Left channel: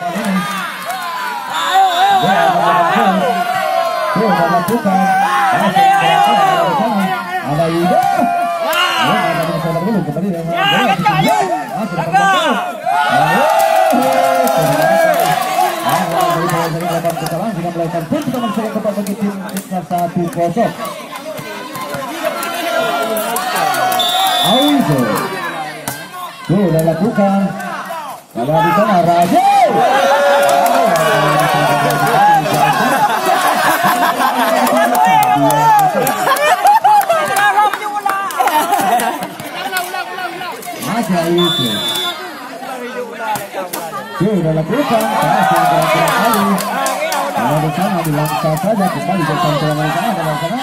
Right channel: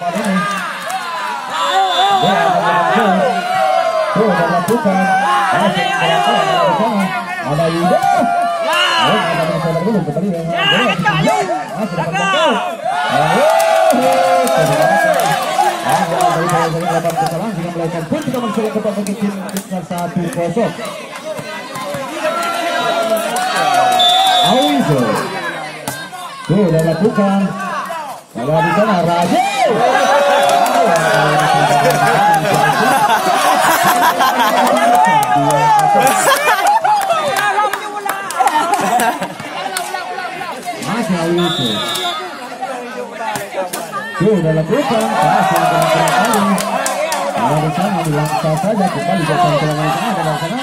Sudah lakukan ada Yuda. Ada saudara dulu kembali yang sudah lakukan ada di sana Raja. Masih itu sudah lakukan pasang kira-kira kali ada di sana dilangkah saja kembali ke sana ada sana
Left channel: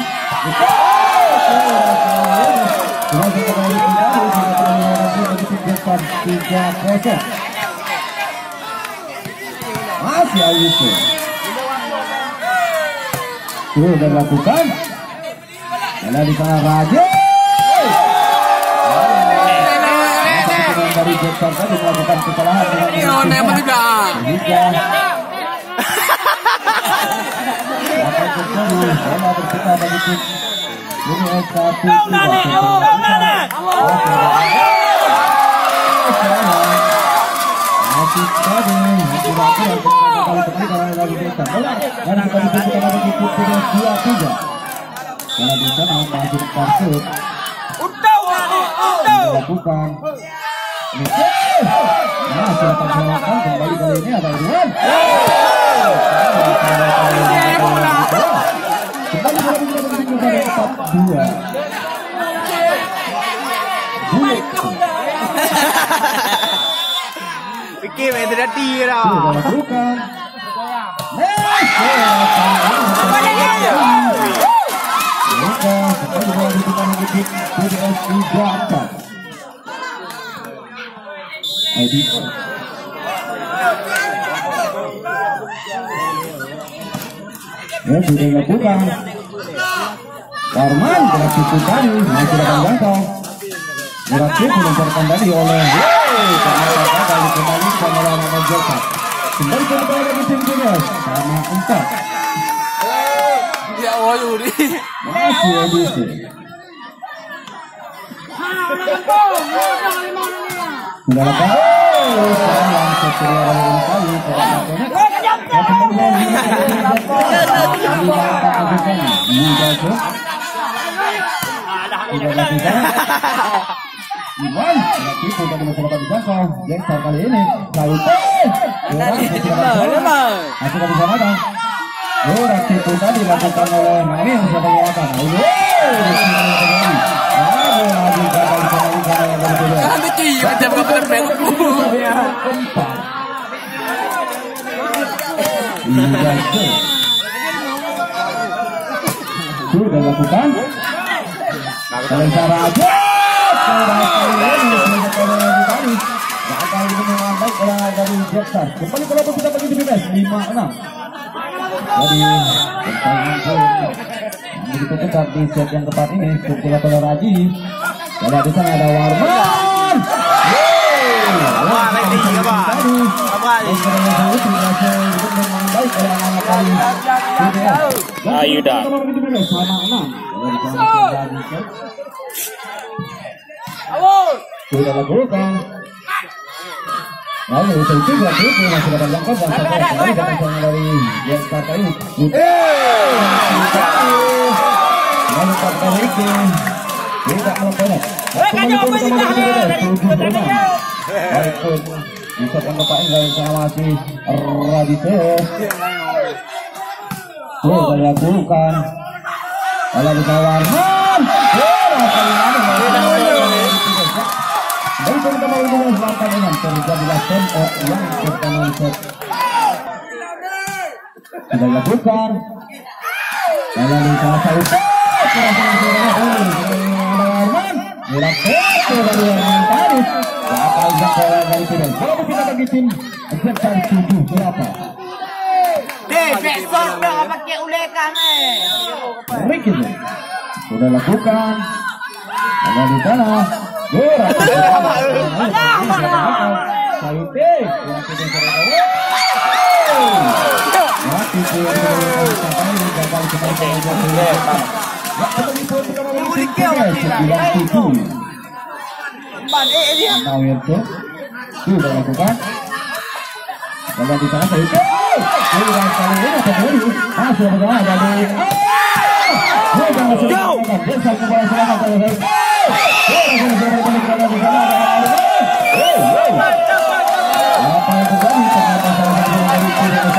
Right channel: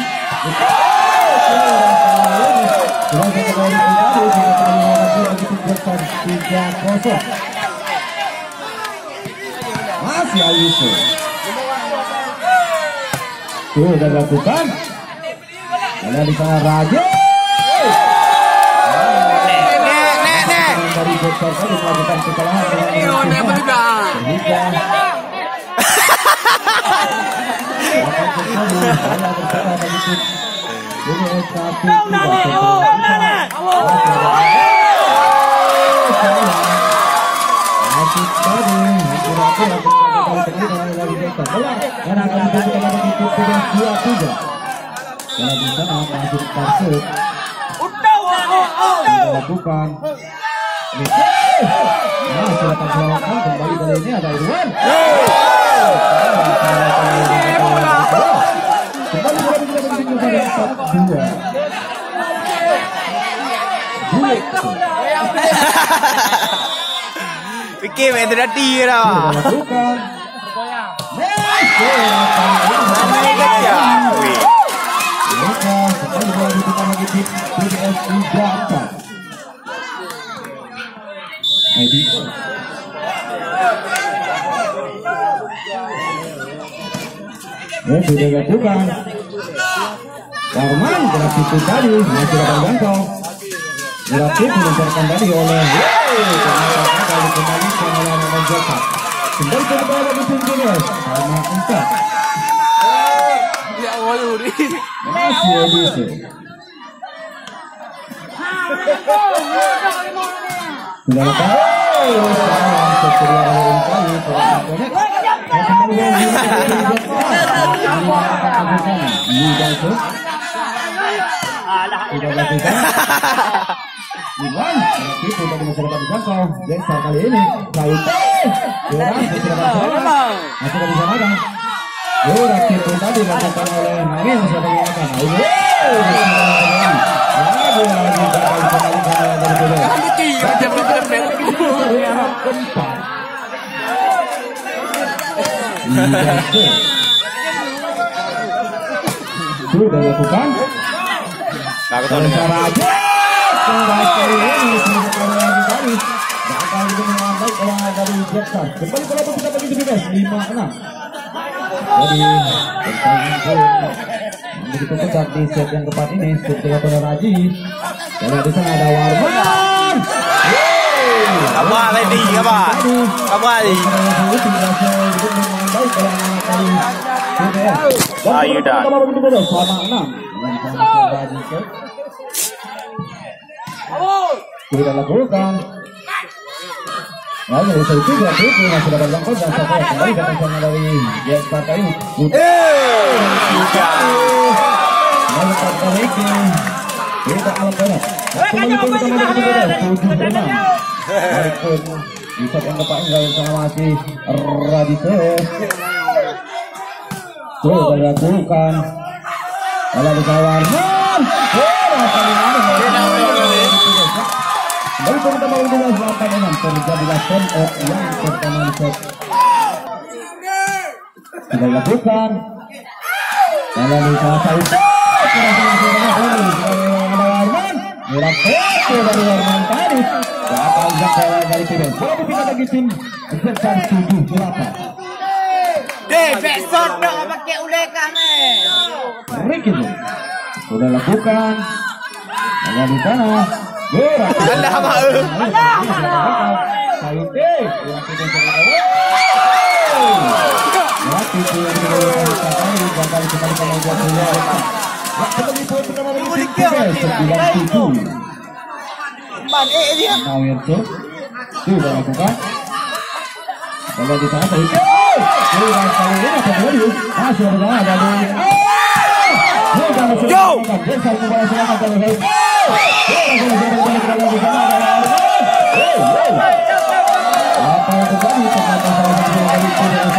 masih itu sudah lakukan ada di sana Raja dari dokter tadi melakukan kesalahan dengan sehingga akan terjadi bola berputar bagi tim ini satu masih tadi kira-kira kembali dari dokter bola dan kembali kepada bagi tim sudah 2-3 karena di sana masih Persib dilakukan. Nah, silakan selamatkan kembali kali ini ada Irwan. Kembali kepada 4-2. Fikir itu dah tira. Lakukan. Ya sudah lakukan. Warman gerak itu tadi masih akan jangkau. Gerak melemparkan tadi oleh karena kali kembalikan oleh Ahmad Jaka. Kembali ke bawah di tim Julius sama 4. Ya Allah masih edisi. Sudah lakukan. Sayang setelah kali tidak lakukan Iwan tapi sudah dimasukkan di jangkau Jensar kali ini Saute kurang masih bisa magang Rati pun tadi dilakukan oleh Nawi yang sudah dilakukan lagi gagal dikembalikan oleh sudah lakukan kalian cara aja gagal itu mengambil oleh dari Jepsar kembali ke lapangan kita bagi DPS 5-6 jadi persaingan poin begitu ketat di set yang keempat ini set dilakukan Raji dan di sana ada Warman Ayo dah. Sudah lakukan. Lalu itu juga itu masih dapat jangkau dan sampai kembali datang sana dari yang partai ini. Lalu partai ini tidak melepas. Kembali pun kita mau begitu 7-6. Baikpun bisa yang keempat dari sana masih Radite. Sudah lakukan. Lalu bisa Warman. Baru kita mau dengan 8-6 terjadilah turn out yang pertama set. Sudah lakukan. Lalu bisa Saute. Ada Warman. Mirakel dari Warman tadi. Berapa jangkau dari Fidel? Kalau kita bagi tim Jepsar 7 berapa? besok dong pakai ulekan Ricky sudah lakukan. Ada di sana. Gerak. Saute. kembali kemudian Sulaiman. Waktu penipuan pertama bagi tim PGS 97. Nawirto sudah lakukan. Bola di sana dari Sulaiman kali ini akan kembali. Sudah berjalan dari sudah masuk ke desa bola selamat dari apa yang terjadi ternyata salah satu dari